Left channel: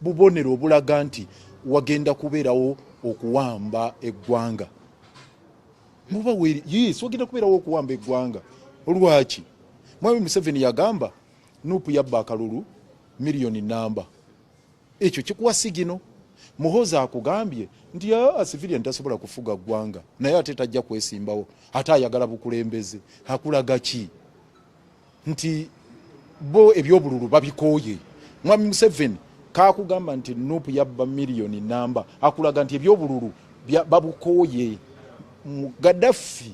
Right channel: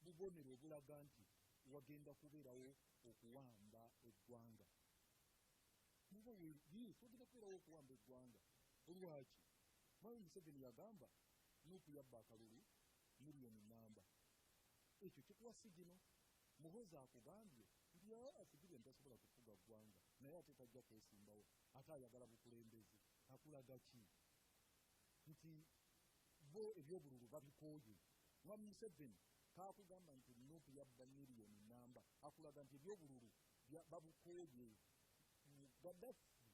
bubonero obulaga nti wagenda kubeerawo okuwamba eggwanga. Muba weri yes wagenda kubeerawo okuwamba eggwanga. Olwaki Mwami Museveni yagamba Nuupu yabba akalulu miliyoni namba. Ekyo kikuwa sigino. Muhoozi akugambye nti civilian tasobola kufuga ggwanga naye ate tajja kwesimbawo ate ayagala bukulembeze. Akulaga ki nti bo ebyobululu babikooye. Mwami Museveni kakugamba nti Nuupu yabba miliyoni namba akulaga nti ebyobululu babukooye. Gaddafi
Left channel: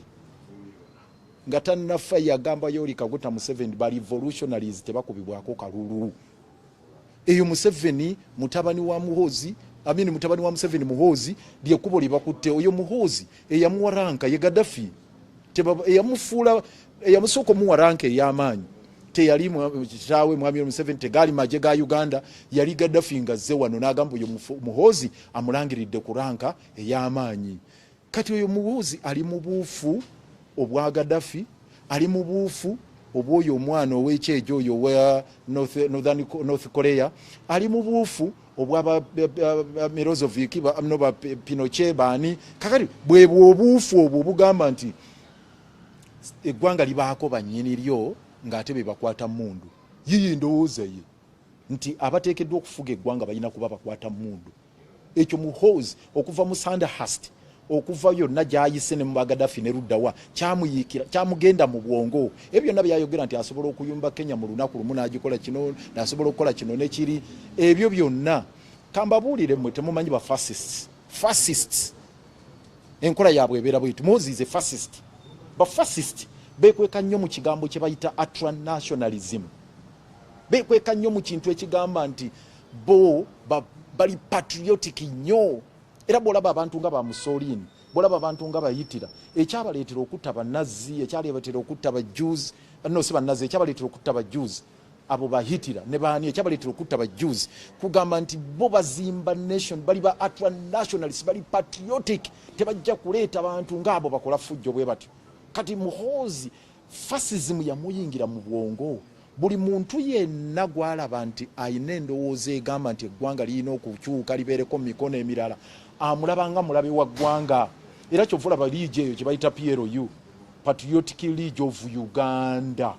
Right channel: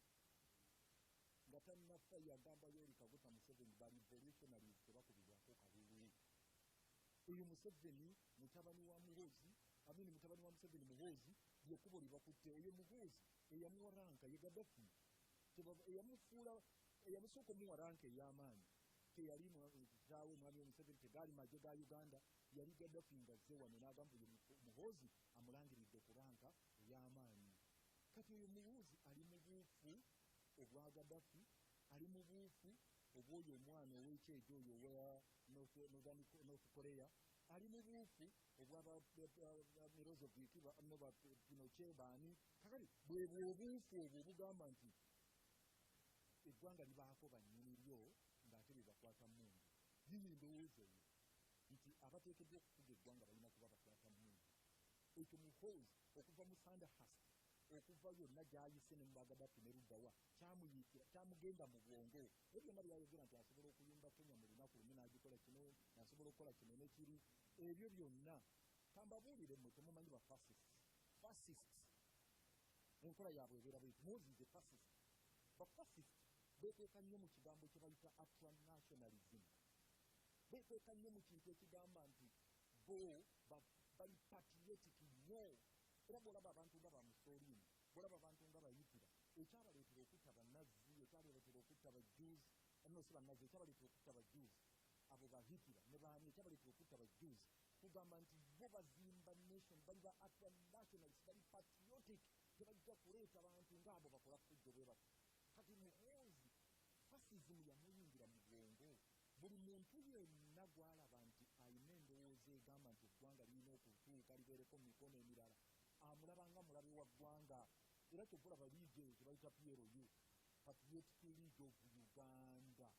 nga tannafa yagamba Yoweri Kaguta Museveni ba revolutionaries tebakubibwako kalulu. Eyo Museveni mutabani wa Muhoozi mutabani wa Museveni Muhoozi lyekubo libakutte. Oyo Muhoozi eyamuwa ranka ye Gaddafi eyamufuula eyamusooka omuwa ranka ey'amaanyi teyali kitaawe Mwami Museveni tegali maje ga Uganda yali Gaddafi nga azze wano n'agamba oyo Muhoozi amulangiridde ku ranka ey'amaanyi. Kati oyo Muhoozi ali mu buufu obwa Gaddafi, ali mu buufu obwoyo omwana ow'ekyejo oyo wa North Korea, ali mu buufu obwa Milosevic ba Pinochet baani. Kakati bwebwo obuufu obwo bugamba nti eggwanga libaako bannyini lyo ng'ate be bakwata mundu. Yiyi ndowooza ye nti abateekeddwa okufuga eggwanga balina kuba bakwata mundu. Ekyo Muhoozi okuva mu Sandhurst okuva yonna gy'ayise ne mu Gaddafi ne luddawa kyamuyikira kyamugenda mu bwongo. Ebyo byonna byayogera nti asobola okuyumba Kenya mu lunaku lumu n'agikola kino n'asobola okukola kino ne kiri. Ebyo byonna kambabuulire mmwe temumanyi ba fascists enkola yaabwe ebeera bw'etu. Muhoozi is a fascist. Ba fascist beekweka nnyo mu kigambo kye bayita ultranationalism. Beekweka nnyo mu kintu ekigamba nti bo bali patriotic nnyo. Era bw'olaba abantu nga ba Mussolini, bw'olaba abantu nga bayitira ekyabaleetera okutta bannazzi, ekyabaleetera okutta ba Jews, no si bannazzi, ekyabaleetera okutta ba Jews abo bahitira ne baani, ekyabaleetera okutta ba Jews kugamba nti bo bazimba nation, bali ba ultranationalists, bali patriotic, tebajja kuleeta abantu ng'abo bakola fujjo bwe batyo. Kati Muhoozi fascism yamuyingira mu bwongo. Buli muntu yenna gwalaba nti ayina endowooza egamba nti eggwanga lirina okukyuka libeereko mu mikono emirala amulabanga mulabe wa ggwanga. Era kyovula ba liigi eyo kye bayita PLU, Patriotic League of Uganda.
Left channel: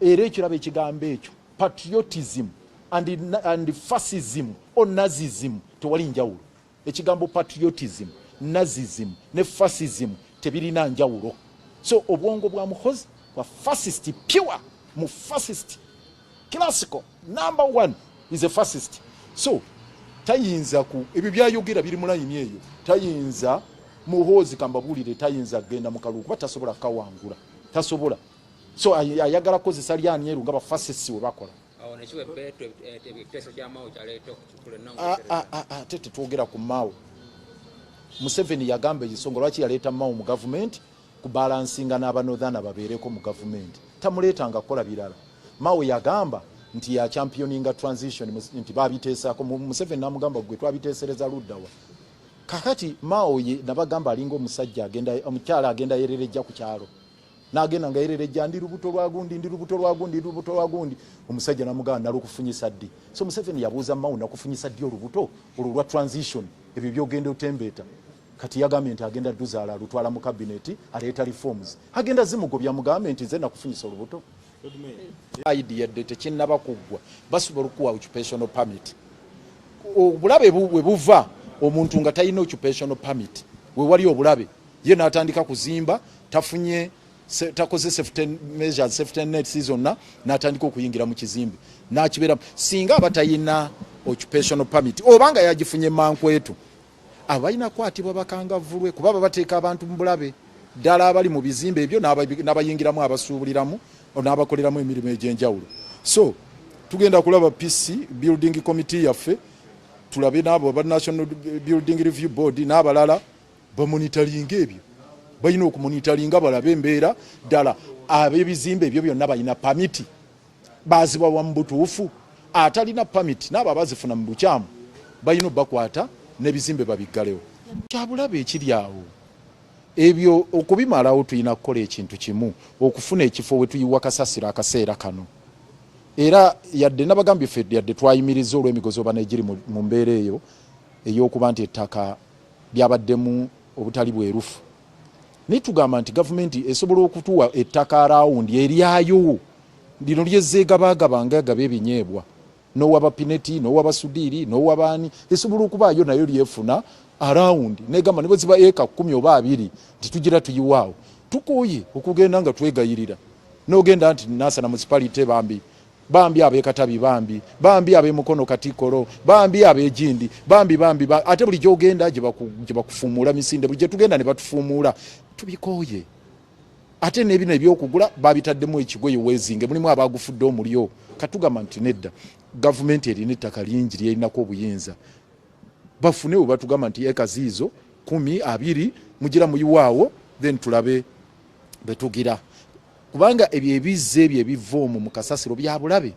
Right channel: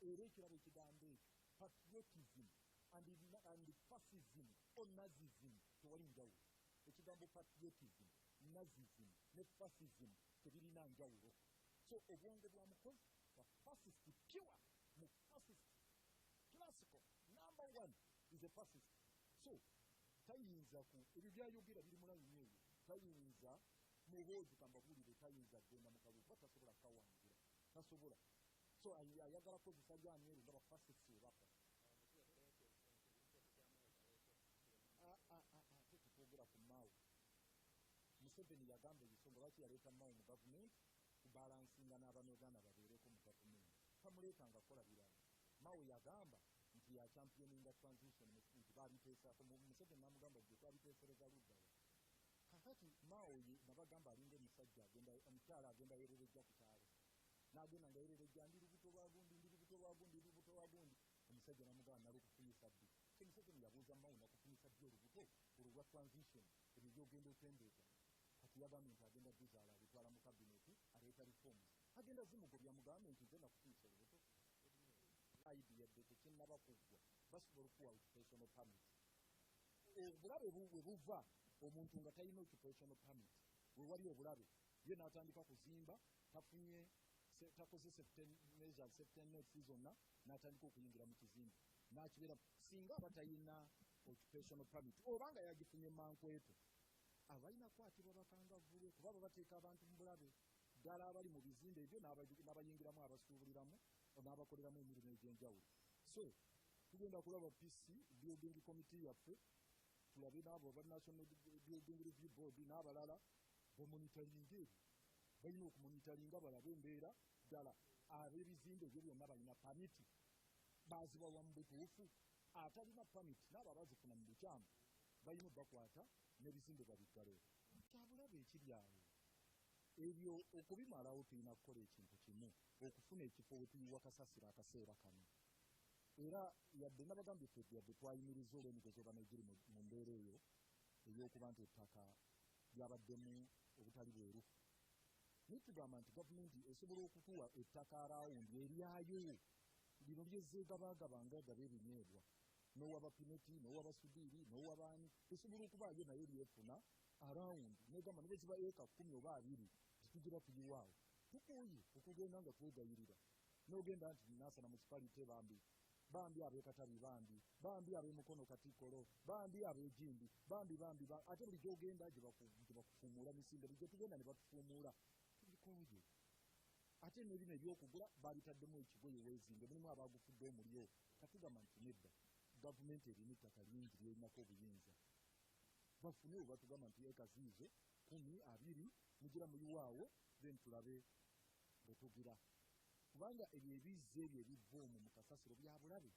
Era ekiraba ekigambo ekyo patriotism and fascism or nazism tewali njawulo. Ekigambo patriotism, nazism ne fascism tebirina njawulo. So obwongo bwa Muhoozi bwa fascist pure, mu fascist classical number one is a fascist. So tayinza ku ebyo byayogera biri mu layini eyo, tayinza Muhoozi kambabuulire tayinza genda mu kalulu kuba tasobola kawangula, tasobola. So ayagala kozesa lyani eru nga ba fascists we bakola. Tete twogera ku Mao. Museveni yagamba ekisonga lwaki yaleeta Mao mu government kubalansinga n'aba Northern babeereko mu government. Tamuleetanga kukola birala. Mao yagamba nti ya championinga transition nti babiteesako. Museveni namugamba gwe twabiteesereza luddawa. Kakati Mao ye nabagamba alinga omusajja agenda omukyala agenda yererejja ku kyalo. N'agenda nga yererejja ndi lubuto lwa gundi. Omusajja namugamba nalukufunyisa ddi. So Museveni yabuuza Mao nakufunyisa ddi olubuto olwa transition ebyo byogenda otembeeta. Kati yagambye nti agenda duzaala alutwala mu cabinet aleeta reforms. Agenda zimugobya mugambe nti nze nakufunyisa olubuto. Idea date kinnaba kuggwa basobola okuwa occupational permit. Obulabe bwe buva omuntu nga talina occupational permit we wali obulabe ye n'atandika kuzimba tafunye takoze safety measures, safety net season n'atandika okuyingira mu kizimbe n'akibeera singa abatayina occupational permit obanga yagifunye mankwetu abalina kwatibwa bakangavulwe kuba bateeka abantu mu bulabe ddala abali mu bizimbe ebyo n'abayingiramu abasuubuliramu n'abakoleramu emirimu egy'enjawulo. So tugenda kulaba PC building committee yaffe tulabe n'abo ba National Building Review Board n'abalala bamonitoringa ebyo, balina okumonitoringa balabe embeera ddala ab'ebizimbe ebyo byonna balina pamiti bazibawa mu butuufu. Atalina pamiti n'abo abazifuna mu bukyamu balina bakwata n'ebizimbe babiggalewo. Kyabulabe ekiri awo ebyo okubimalawo tulina kukola ekintu kimu okufuna ekifo we tuyiwa kasasiro akaseera kano. era yadde nabagambye ffe yadde twayimiriza olw'emigozi oba negiri mu mbeera eyo ey'okuba nti ettaka lyabaddemu obutali bwerufu. Naye tugamba nti gavumenti esobola okutuwa ettaka arawundi eryayo lino lyezzeegabagaba ngagaba ebinyeebwa n'owaba Pineti n'owaba Sudiiri n'owabaani esobola okubaayo nayo lyefuna arawundi negamba ne bwe ziba eka 10 oba 20 titugira tuyiwaawo tukooye okugenda nga twegayirira n'ogenda nti Nansana municipality bambi ab'Ekatabi bambi ab'Emukono Katikkolo bambi ab'Egindi bambi ate buli gyogenda gye bakufuumuula misinde buli gye tugenda ne batufuumuula tubikooye ate n'ebino ebyokugula babitaddemu ekigoye weezinge mulimu abagufudde omulyo katugamba nti nedda gavumenti erina ettaka lingi lyerinako obuyinza bafune we batugamba nti eka ziizo 10 20 mugira muyiwaawo then tulabe betugira kubanga ebyo ebizze ebyo ebiva omwo mu kasasiro bya bulabe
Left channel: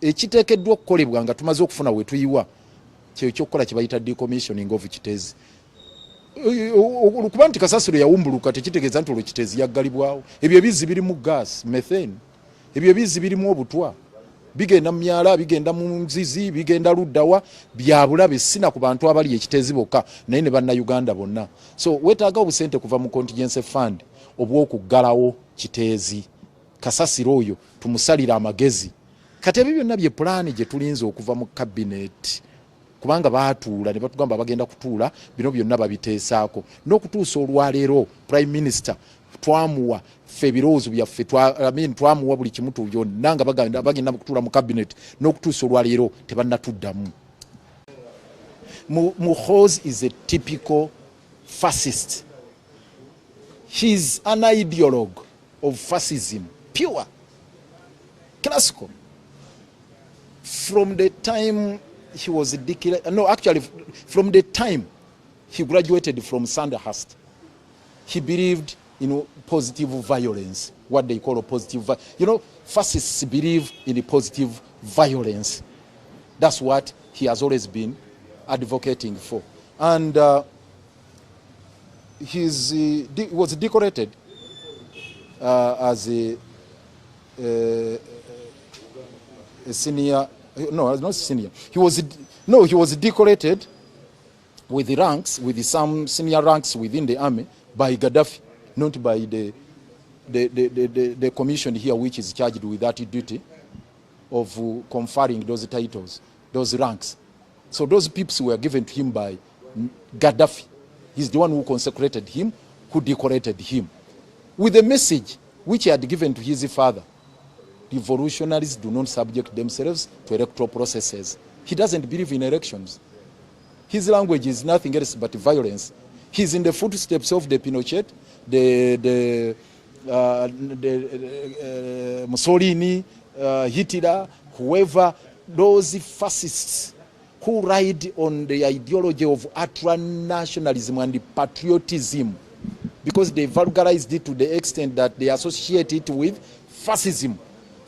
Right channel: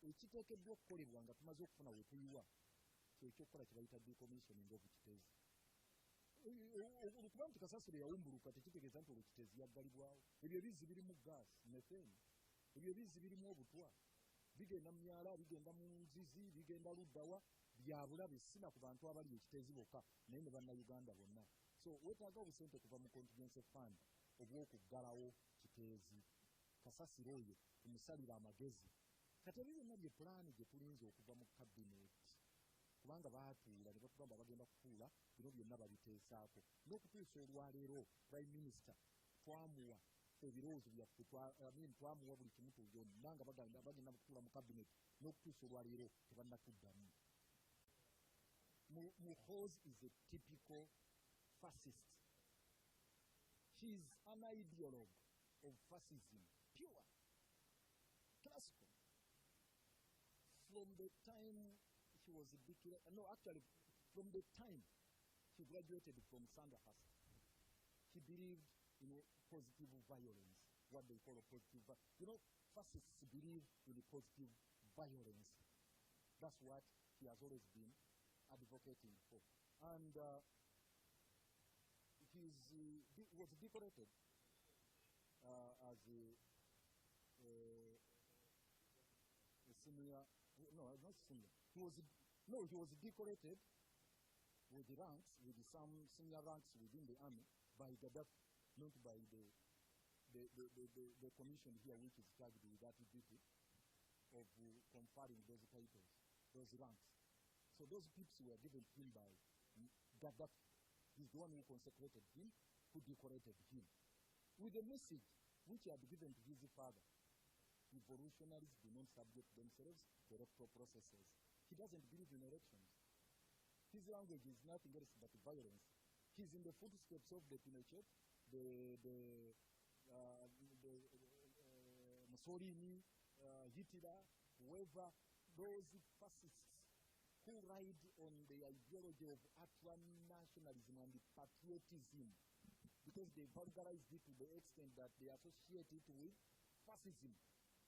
ekiteekeddwa okukolebwa nga tumaze okufuna we tuyiwa kyo kyokkola kye bayita decommissioning of Kitezi kuba nti kasasiro yawumbuluka tekitegeeza nti olwo Kitezi yaggalibwawo ebyo ebizzi birimu gas methane ebyo ebizzi birimu obutwa bigenda mu myala bigenda mu nzizi bigenda luddawa bya bulabe sina ku bantu abali Ekitezi bokka naye ne bannayuganda bonna so wetaaga obusente kuva mu contingency fund obw'okuggalawo Kitezi kasasiro oyo tumusalira amagezi kati ebyo byonna bye pulaani gye tulinze okuva mu cabinet kubanga baatuula ne batugamba bagenda kutuula bino byonna babiteesaako n'okutuusa olwaleero prime minister twamuwa ffe ebirowoozo byaffe twamuwa buli kimu byonna nga bagenda kutuula mu cabinet n'okutuusa olwaleero tebannatuddamu. Muhoozi is a typical fascist. He's an ideologue of fascism, pure, classical. From the time he was declared, no, actually, from the time he graduated from Sandhurst, he believed in positive violence, what they call a positive violence. You know, fascists believe in positive violence. That's what he has always been advocating for. And he was decorated as a senior, no, not senior. He was decorated with the ranks, with some senior ranks within the army by Gaddafi, not by the commission here, which is charged with that duty of conferring those titles, those ranks. So those people were given to him by Gaddafi. He's the one who consecrated him, who decorated him, with a message which he had given to his father. Revolutionaries do not subject themselves to electoral processes. He doesn't believe in elections. His language is nothing else but violence. He's in the footsteps of the Pinochet, the Mussolini, Hitler, whoever, those fascists who ride on the ideology of ultra-nationalism and patriotism, because they vulgarized it to the extent that they associate it with fascism.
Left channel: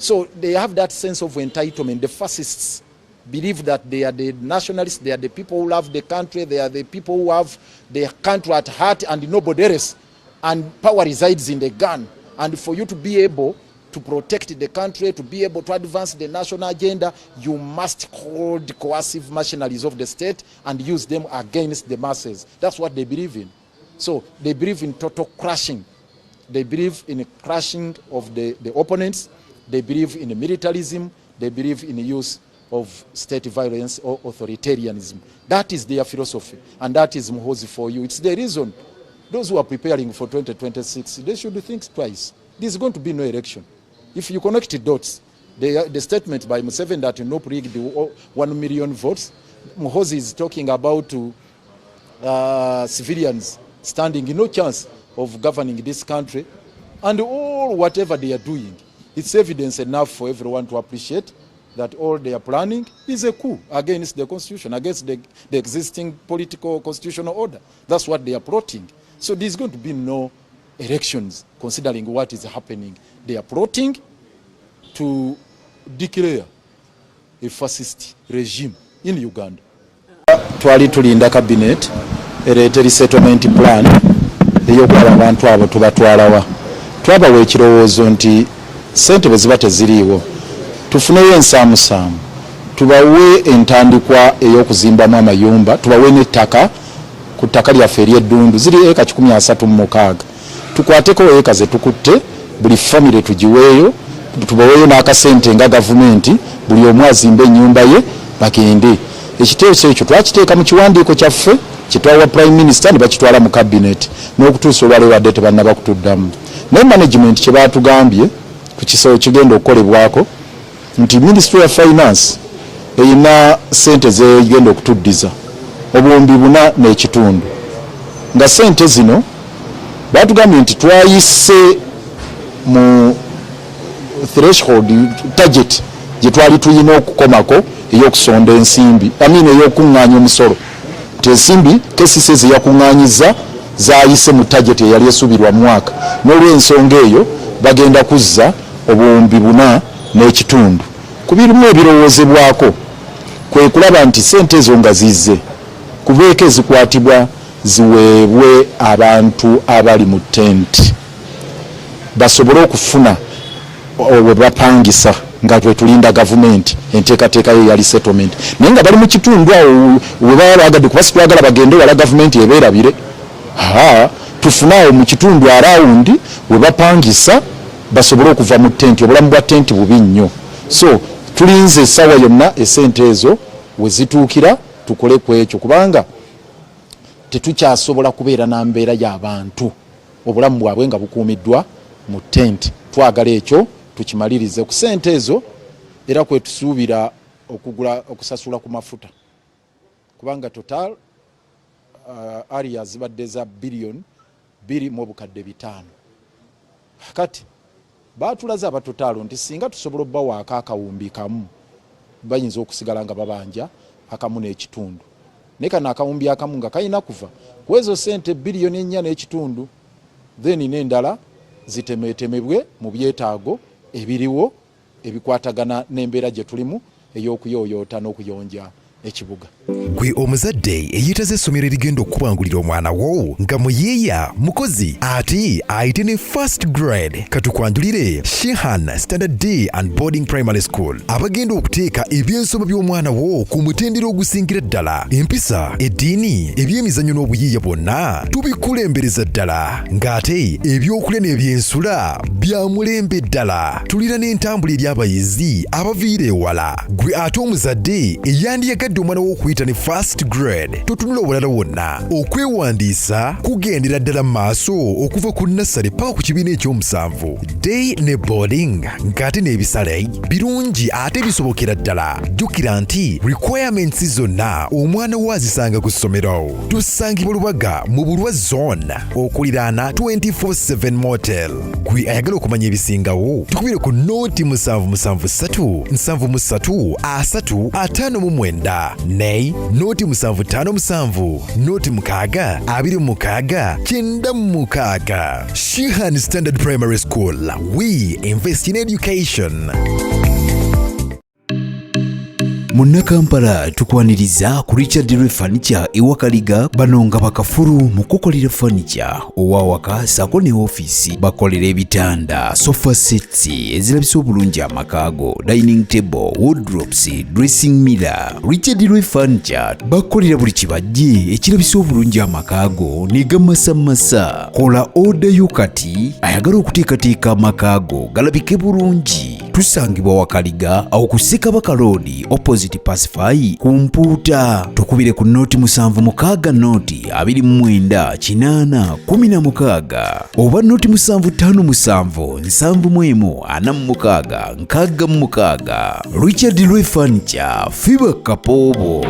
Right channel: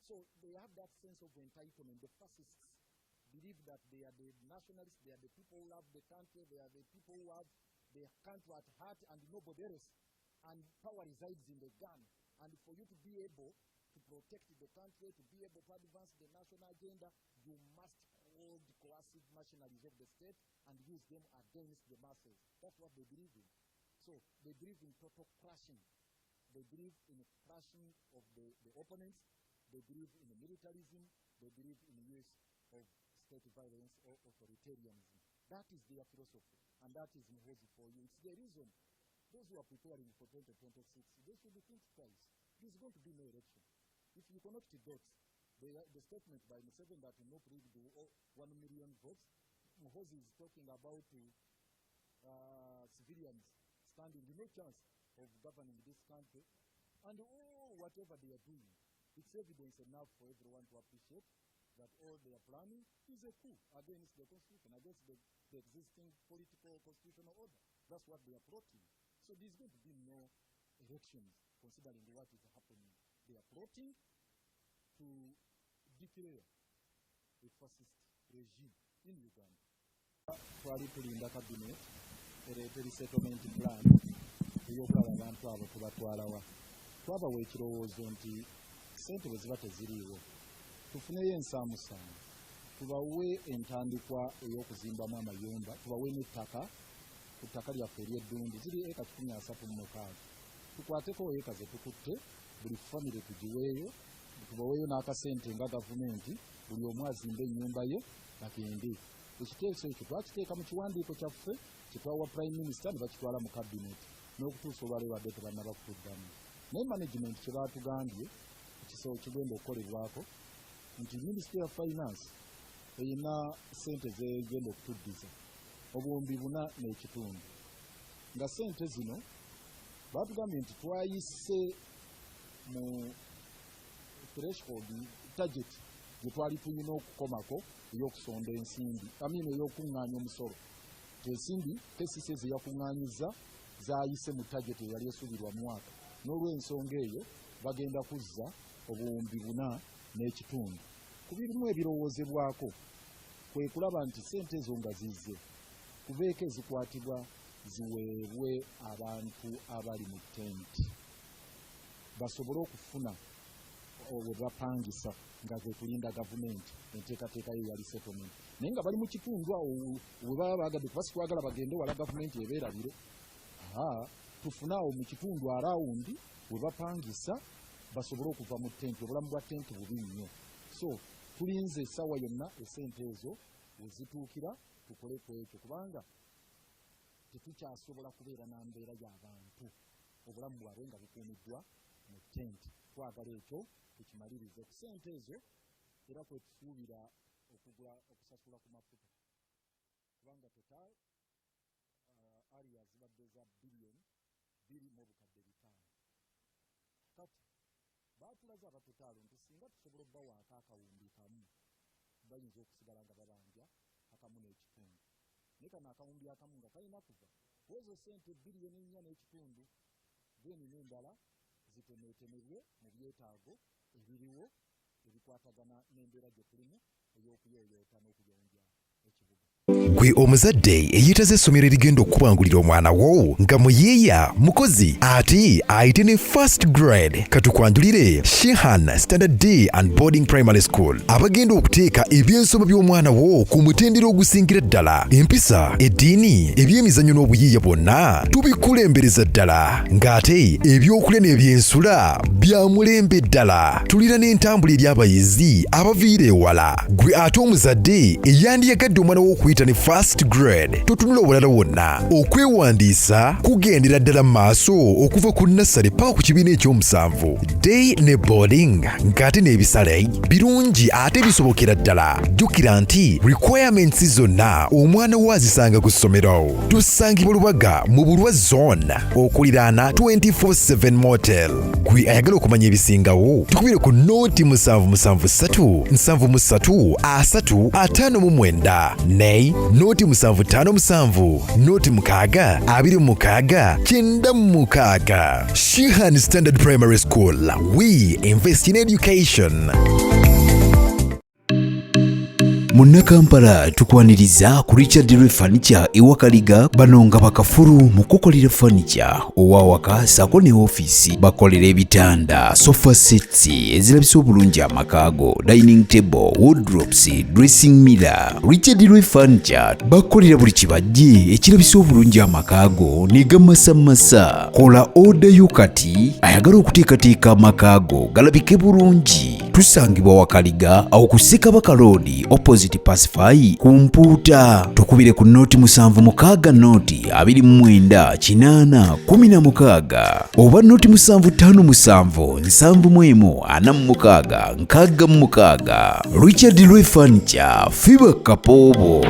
So they have that sense of entitlement. The fascists believe that they are the nationalists, they are the people who love the country, they are the people who have the country at heart and nobody else. And power resides in the gun. And for you to be able to protect the country, to be able to advance the national agenda, you must hold coercive machineries of the state and use them against the masses. That's what they believe in. So they believe in total crushing. They believe in a crushing of the opponents. They believe in militarism. They believe in the use of state violence or authoritarianism. That is their philosophy, and that is Muhoozi for you. It's the reason those who are preparing for 2026, they should think twice. There's going to be no election. If you connect the dots, the statement by Museveni that no rigged 1 million votes, Muhoozi is talking about civilians standing no chance of governing this country, and all whatever they are doing, it's evidence enough for everyone to appreciate that all they are planning is a coup against the constitution, against the existing political constitutional order. That's what they are plotting. So there's going to be no elections considering what is happening. They are plotting to declare a fascist regime in Uganda. Twali tulinda cabinet ereeta resettlement plan eyokulaba abantu abo tubatwalawa. Twabawa ekirowoozo nti ssente bwe ziba teziriiwo tufuneyo ensaamusaamu tubawe entandikwa ey'okuzimbamu amayumba, tubawe n'ettaka ku ttaka lyaffe ery'eddundu ziri eka 136. Tukwateko eka ze tukutte buli famire tugiweeyo, tubaweeyo n'akasente nga gavumenti, buli omu azimbe ennyumba ye bagende. Ekiteeso ekyo twakiteeka mu kiwandiiko kyaffe kitwawa Prime Minister ne bakitwala mu cabinet n'okutuusa olwaleero wadde tebannaba kutuddamu. Ne management kye baatugambye ku kisawo kigenda okukolebwako nti Ministry of Finance eyina sente zegenda okutuddiza obuwumbi 4.5 nga sente zino baatugambye nti twayise mu threshold target gye twali tuyina okukomako ey'okusonda ensimbi ey'okuŋŋaanya omusolo. Ensimbi KCCA ze yakuŋŋaanyiza zaayise mu target eyali esuubirwa mu mwaka, n'olw'ensonga eyo bagenda kuzza obuwumbi 4.5. Ku birimu ebirowoozebwako kwe kulaba nti sente ezo nga zizze kubeeko ezikwatibwa ziweebwe abantu abali mu tenti basobole okufuna we bapangisa nga twe tulinda gavumenti enteekateeka yo yali settlement, naye nga bali mu kitundu awo we baba bagadde kuba situagala bagende wala gavumenti ebeerabire. Tufune awo mu kitundu arawundi we bapangisa basobole okuva mu tenti. Obulamu bwa tenti bubi nnyo, so tulinze essaawa yonna esente ezo we zituukira tukole ku ekyo, kubanga tetukyasobola kubeera na mbeera y'abantu obulamu bwabwe nga bukuumiddwa mu tenti. Twagala ekyo tukimalirize ku sente ezo, era kwe tusuubira okusasula ku mafuta, kubanga total area zibadde za billion 2.5. Kati baatulaze abatotaalo nti singa tusobola obbawaako akawumbi kamu bayinza okusigala nga babanja akamu n'ekitundu, naye kano akawumbi akamu nga kalina kuva ku ezo sente 4 billion, then n'endala zitemeetemebwe mu byetaago ebiriwo ebikwatagana n'embeera gye tulimu ey'okuyooyoota n'okuyonja ekibuga. Gwe omuzadde eyitaze essomero erigenda okubangulira omwana wo nga muyiiya mukozi ate ayite ne first grade, katukwanjulire Shehan Standard Day and Boarding Primary School abagenda okuteeka ebyensoma by'omwana wo ku mutendera ogusingira ddala. Empisa, eddiini, ebyemizannyo n'obuyiiya bwonna tubikulembereza ddala, ng'ate ebyokulya n'ebyensula bya mulembe ddala. Tulira n'entambula eri abayizi abaviira ewala. Gwe ate omuzadde eyandiyagadde omwana wo okuyita ne first grade, totunula obulala wonna. Okwewandiisa kugendera ddala mu maaso okuva ku nursery paka ku kibiina eky'omusanvu. Day ne boarding ng'ate n'ebisale birungi ate bisobokera ddala. Jjukira nti requirements zonna omwana wo azisanga ku ssomero. Tusangibwa Lubaga mu Bulwa Zone okuliraana 24/7 Motel. Gwe ayagala okumanya ebisingawo tukubire ku nooti 773 73 359 ne nooti 757 nooti 6 26 96. Shehan Standard Primary School. We invest in education. Munnakampala tukwaniriza ku Richard Roy Furniture ewakaliga banonga bakafuru mu kukolera furniture owawaka sako ne office bakolera ebitanda, sofa sets ezirabisa obulungi amakaago, dining table, wardrobes, dressing mirror. Richard Roy Furniture bakolera buli kibajje ekirabisa obulungi amakaago ne gamasamasa. Kola order yo kati ayagala okuteekateeka amakaago galabike bulungi. Tusangibwa wakaliga awo ku Ssekabaka Road opposite Pacify ku Mpuuta. Tukubire ku nooti 76 nooti 29 816 oba nooti 757 71 46 Richard Roy Furniture, Fiba Kapobo.